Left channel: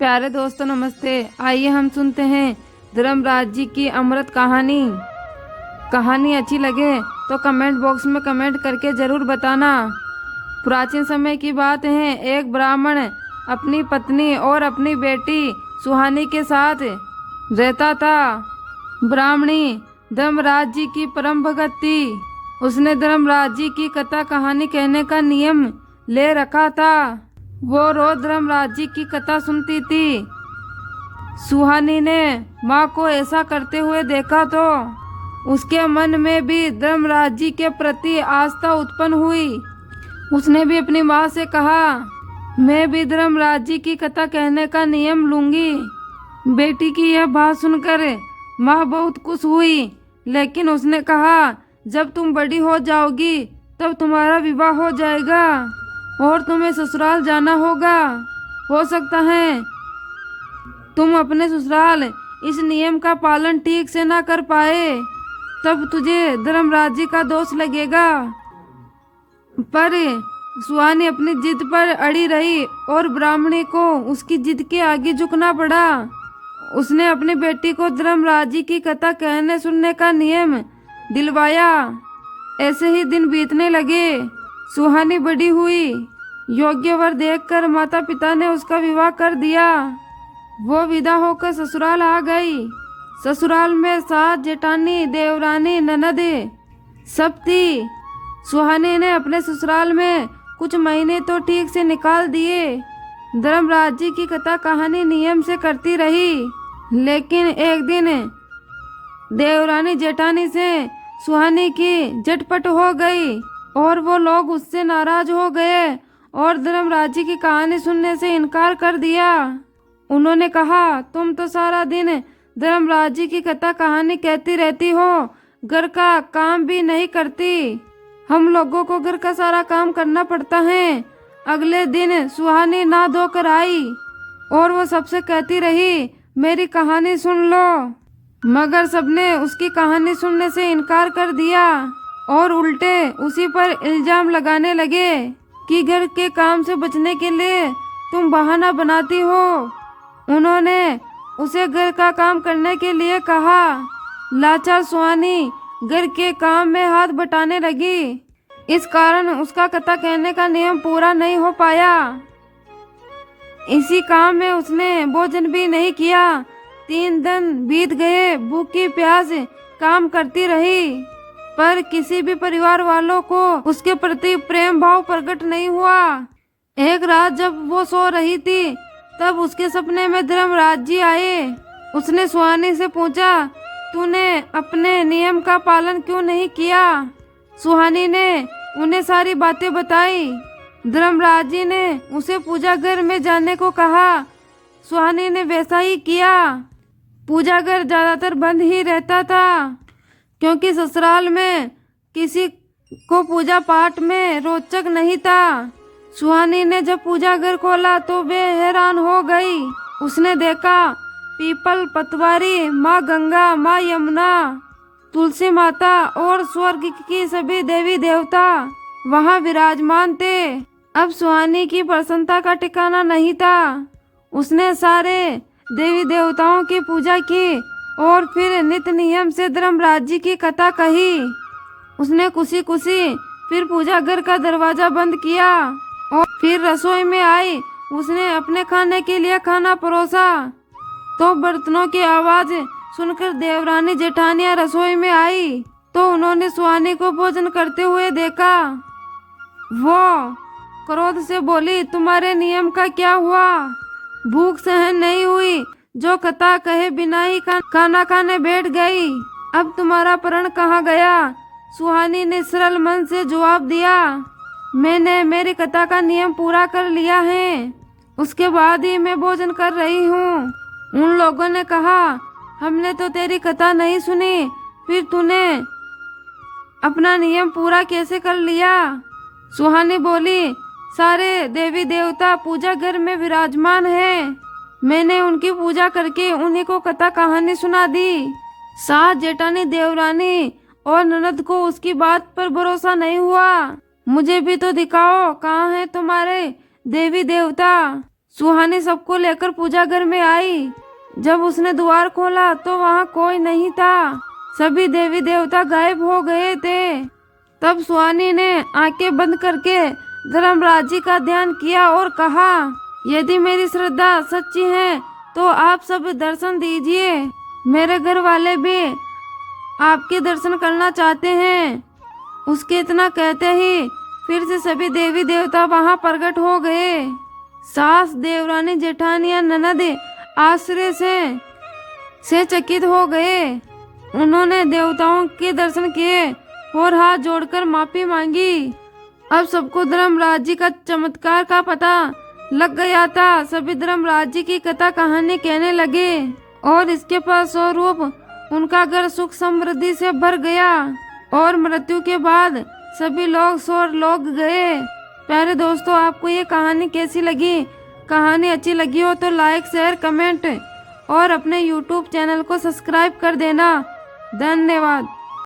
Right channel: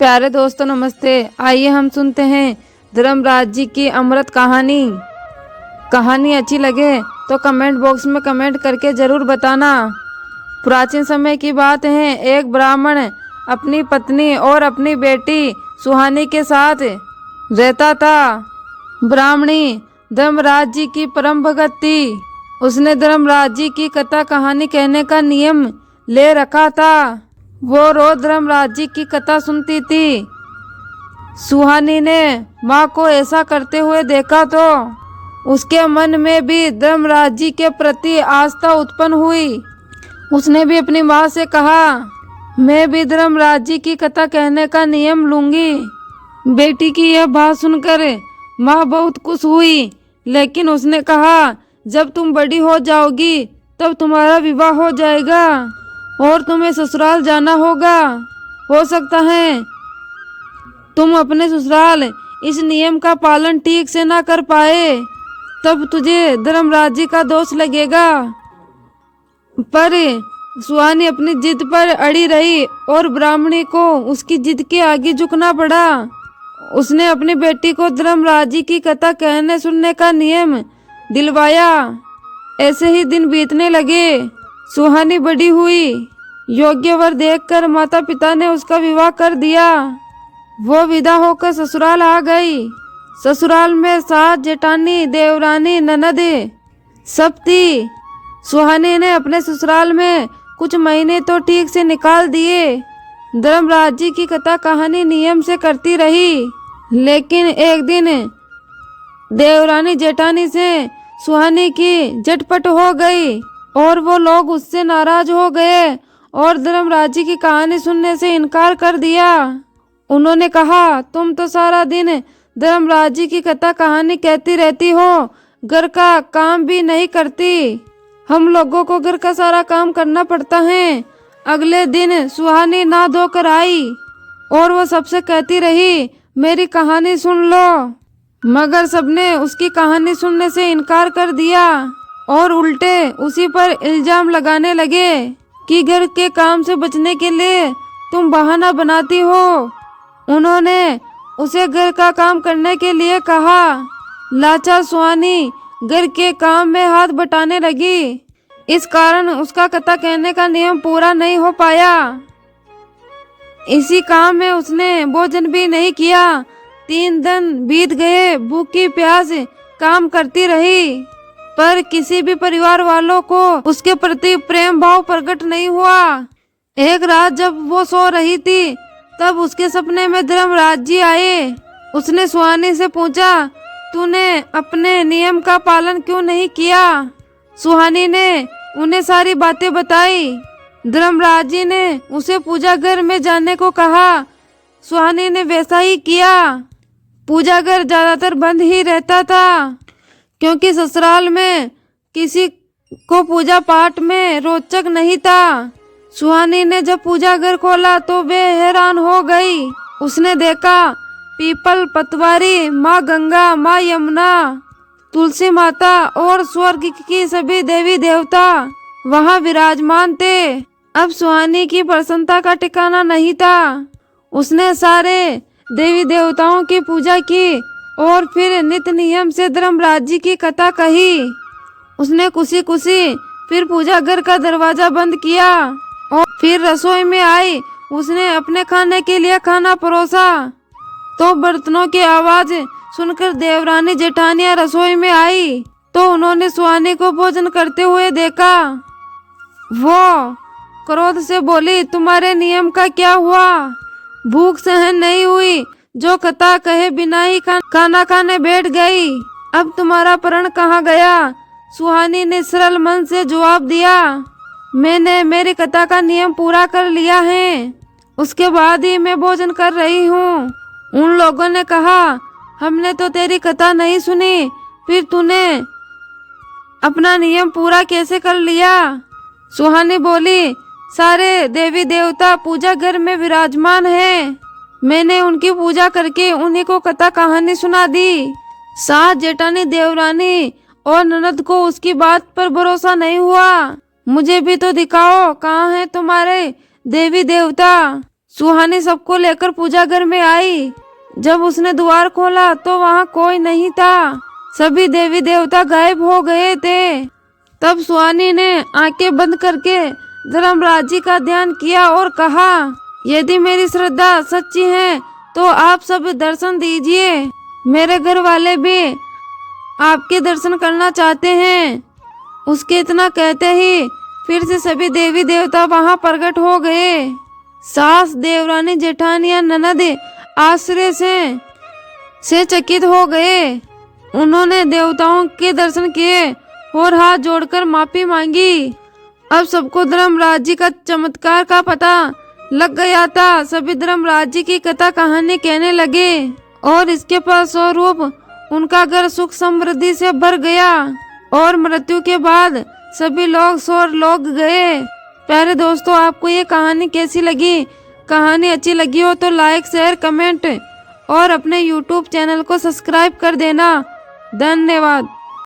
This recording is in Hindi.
प्यारे दोस्तों नमस्ते। आइए हम सुनते हैं धर्मराज जी की अमृत कहानी। कहानी अच्छी लगे तो कमेंट बॉक्स में कमेंट करके जरूर बताना। प्राचीन समय की बात है। एक ब्राह्मण अपनी पत्नी और अपनी बेटी सुहानी के साथ रहता था। ब्राह्मणी धर्मराज जी की परम भगत थी। उसने धर्मराज जी की कथा कहानी कहने का नियम ले रखा था। वो रोज धर्मराज जी की कथा सुनती थी। सुहानी ने माँ को ऐसा करते हुए देखा तो उसके मन में भी धर्मराज जी के प्रति आस्था उत्पन्न हुई। उसने भी अपनी माँ से कहा, मैं भी धर्मराज जी की कथा कहने का नियम लूंगी। बेटी की यह बात सुनकर माँ बहुत खुश हुई, लेकिन उसने कहा, जब तुम बड़ी हो जाओगी तब तुम्हारा विवाह हो जाएगा और तुम्हें ससुराल जाना होगा। हो सकता है तुम अपने ससुराल इस नियम का पालन ठीक से ना कर पाए, तब तुझे धर्मराज जी का दोष लगेगा। पर सुहानी अपनी जिद पर अड़ी रही और ब्राह्मणी को उसकी जिद के आगे झुकना पड़ा। उसने अपनी बेटी को धर्मराज जी की कथा कहने सुनने का नियम दिलवाया। ऐसे ही दिन बीतने लगे। सुहानी बड़ी हुई। योग्य वर देखकर माता पिता ने उसका विवाह कर दिया। वो विदा होकर ससुराल आ गई। ससुराल में सास, जेठानी, देवरानी, ननद सब थी। सुहानी ने अपने ससुराल में कुछ महीने तो ठीक से निकाल दिए। धर्मराज जी की कथा कहानी नियम से करती रही, लेकिन एक दिन देवरानी जेठानी से सुहानी की झटपट हो गई और वो लोग उससे नाराज हो गए और धर्मराज जी की कहानी सुनने से इनकार कर दिया। उन्होंने कहा, तुम तो सारा दिन धर्मराज जी की कथा कहानी कहती रहती हो, घर का काम भी नहीं करती। हम लोगों को घर का सारा काम करना पड़ता है। अगले दिन सुहानी नहा धोकर आई और वो सबसे कहती रही, मेरी कहानी सुन लो। मगर सबने उसकी कहानी सुनने से इनकार कर दिया और उल्टे उसी पर इल्जाम लगाने लगे कि घर के काम से बचने के लिए तुम बहाना बनाती हो। उन्होंने उसे घर का काम करने के लिए कहा। लाचार सुहानी घर के काम में हाथ बटाने लगी। इस कारण उसका कथा कहने का नियम पूरा नहीं हो पाया। इसी काम में उसने भोजन भी नहीं किया। 3 दिन बीत गए। भूखी प्यास काम करती रही, पर किसी भी परिवार वालों को उसके प्रति प्रेम भाव प्रकट नहीं हुआ। एक रात जब वो सो रही थी, तब उसके सपने में धर्मराज जी आए। उसने सुहानी से पूछा, तूने अपने नियम का पालन क्यों नहीं किया? सुहानी ने उन्हें सारी बातें बताई। धर्मराज जी ने उसे पूजा घर में जाने को कहा। सुहानी ने वैसा ही किया। पूजा घर ज्यादातर बंद ही रहता था, क्योंकि ससुराल में किसी को पूजा पाठ में रोचक नहीं था। सुहानी ने जब पूजा घर खोला तो वे हैरान हो गई। उसने देखा पीपल, पतवारी, माँ गंगा, माँ यमुना, तुलसी माता और स्वर्ग की सभी देवी देवता वहाँ विराजमान थे। अब सुहानी की प्रसन्नता का ठिकाना नहीं था। उसने सारे देवी देवताओं की पूजा की और फिर नित्य नियम से धर्मराज जी की कथा कही। उसने खुशी खुशी फिर पूजा घर का दरवाजा बंद किया और फिर रसोई में आई। उसने अपने खाने के लिए खाना परोसा तो बर्तनों की आवाज सुनकर देवरानी जेठानियां रसोई में आई तो उन्होंने सुहानी को भोजन करते हुए देखा। वो क्रोध से बोली, तुम्हारे नियम का क्या हुआ? भूख सहन नहीं हुई, जो कथा कहे बिना ही खाना खाने बैठ गई। अब तुम्हारा प्रण कहाँ गया? सुहानी ने सरल मन से जवाब दिया, मैंने मेरी कथा का नियम पूरा कर लिया है, उसके बाद ही मैं भोजन कर रही हूँ। उन लोगों ने कहा, हमने तो तेरी कथा नहीं सुनी, फिर तूने अपना नियम पूरा कैसे कर लिया? सुहानी बोली, सारे देवी देवता पूजा घर में विराजमान हैं। मैंने उनकी पूजा करके उन्हीं को कथा कहानी सुना दी। सास, जेठानी, देवरानी और ननद को उसकी बात पर भरोसा नहीं हुआ। मुझे भी तो दिखाओ, कहाँ है तुम्हारे देवी देवता? सुहानी सबको लेकर पूजा घर में आई। जब उसने द्वार खोला तो वहाँ कोई नहीं था, सभी देवी देवता गायब हो गए थे। तब सुहानी ने आंखें बंद करके धर्मराज जी का ध्यान किया और कहा, यदि मेरी श्रद्धा सच्ची है तो आप सब दर्शन दीजिए, मेरे घर वाले भी आपके दर्शन करना चाहते हैं। उसके इतना कहते ही फिर से सभी देवी देवता वहां प्रकट हो गए। सास, देवरानी, जेठानी या ननद आश्चर्य से चकित हो गए। उन्होंने देवताओं के दर्शन किए और हाथ जोड़कर माफी मांगी। अब सबको धर्मराज जी का चमत्कार का पता लग गया था। सभी धर्मराज जी की कथा कहानी कहने लगे और इसके फलस्वरूप उनका घर सुख समृद्धि से भर गया और मृत्यु के बाद सभी लोग स्वर्गलोक गए। प्यारे दोस्तों, आपको ये कहानी कैसी लगी? कहानी अच्छी लगी हो तो लाइक, शेयर, कमेंट और अपने YouTube चैनल को सब्सक्राइब कर देना। धन्यवाद।